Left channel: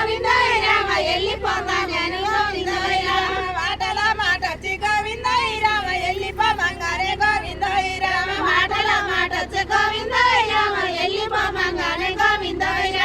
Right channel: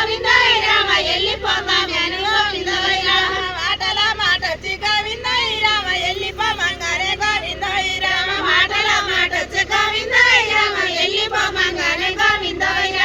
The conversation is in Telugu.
గోవిందయ్య రామ వెళ్ళిపోమంగానే గోవిందయ్య రామ మాటల మాటొచ్చి గోవిందయ్య రామ వెళ్ళిపోమంగానే గోవిందయ్య రామ మాటల మాటొచ్చి గోవిందయ్య రామ వెళ్ళిపోమంగానే గోవిందయ్య